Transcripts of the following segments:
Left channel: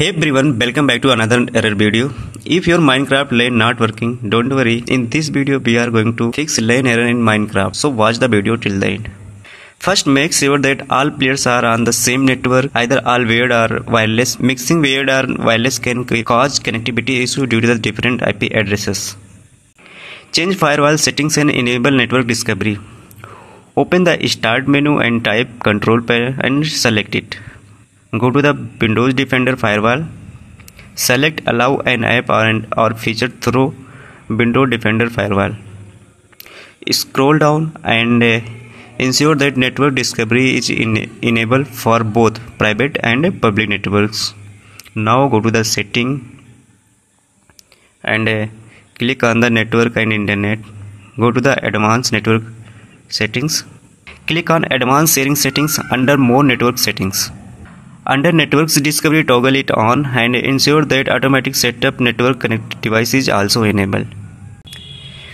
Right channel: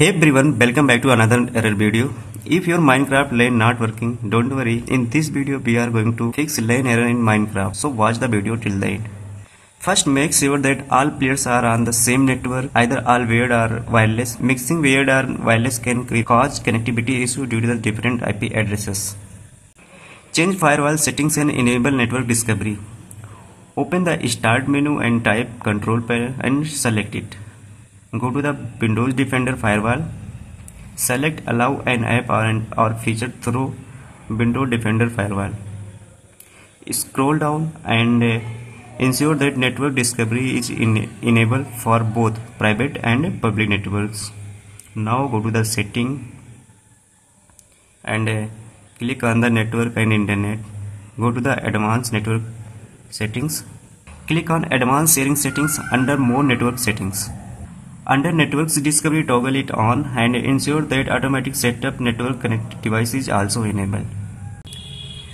Hey everyone, welcome back to another error video. If your Minecraft Lan not working, don't worry. In this video we are going to fix Lan error in Minecraft. So watch the video till the end. First, make sure that all players are on the same network, either all wired or wireless. Mixing wired or wireless can cause connectivity issue due to the different IP addresses. Change firewall settings and enable network discovery. Open the start menu and type control panel and select it. Go to the Windows Defender firewall. Select allow an app or feature through Windows Defender firewall. Scroll down and ensure that network discovery is enabled for both private and public networks. Now go to the setting and click on the network and internet. Go to the advanced network settings. Click on advanced sharing settings under more network settings. Under networks discovery, toggle it on and ensure that automatic setup network connected device is also enabled.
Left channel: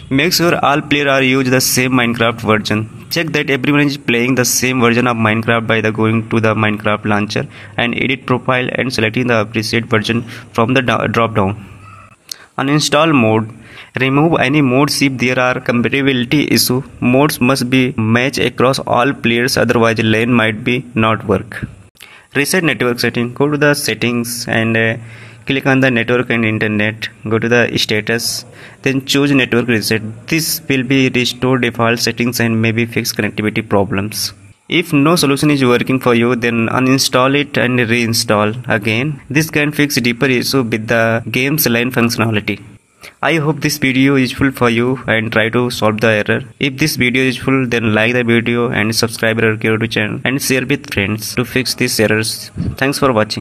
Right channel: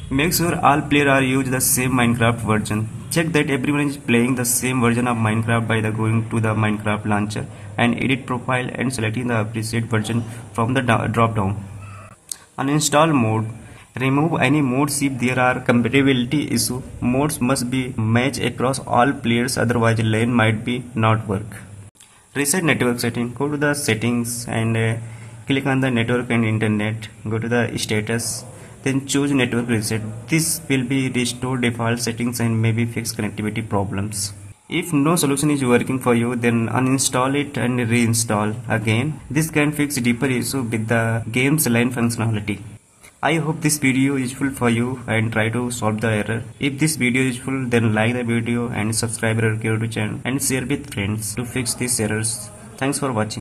Make sure all players are use the same Minecraft version. Check that everyone is playing the same version of Minecraft by going to the Minecraft launcher and edit profile and selecting the appropriate version from the drop down. Uninstall mode. Remove any modes if there are compatibility issue. Modes must be matched across all players, otherwise Lan might be not work. Reset network setting. Go to the settings and click on the network and internet. Go to the status, then choose network reset. This will be restore default settings and maybe fix connectivity problems. If no solution is working for you, then uninstall it and reinstall again. This can fix deeper issue with the game's Lan functionality. I hope this video is useful for you and try to solve the error. If this video is useful, then like the video and subscribe our channel and share with friends to fix these errors. Thanks for watching.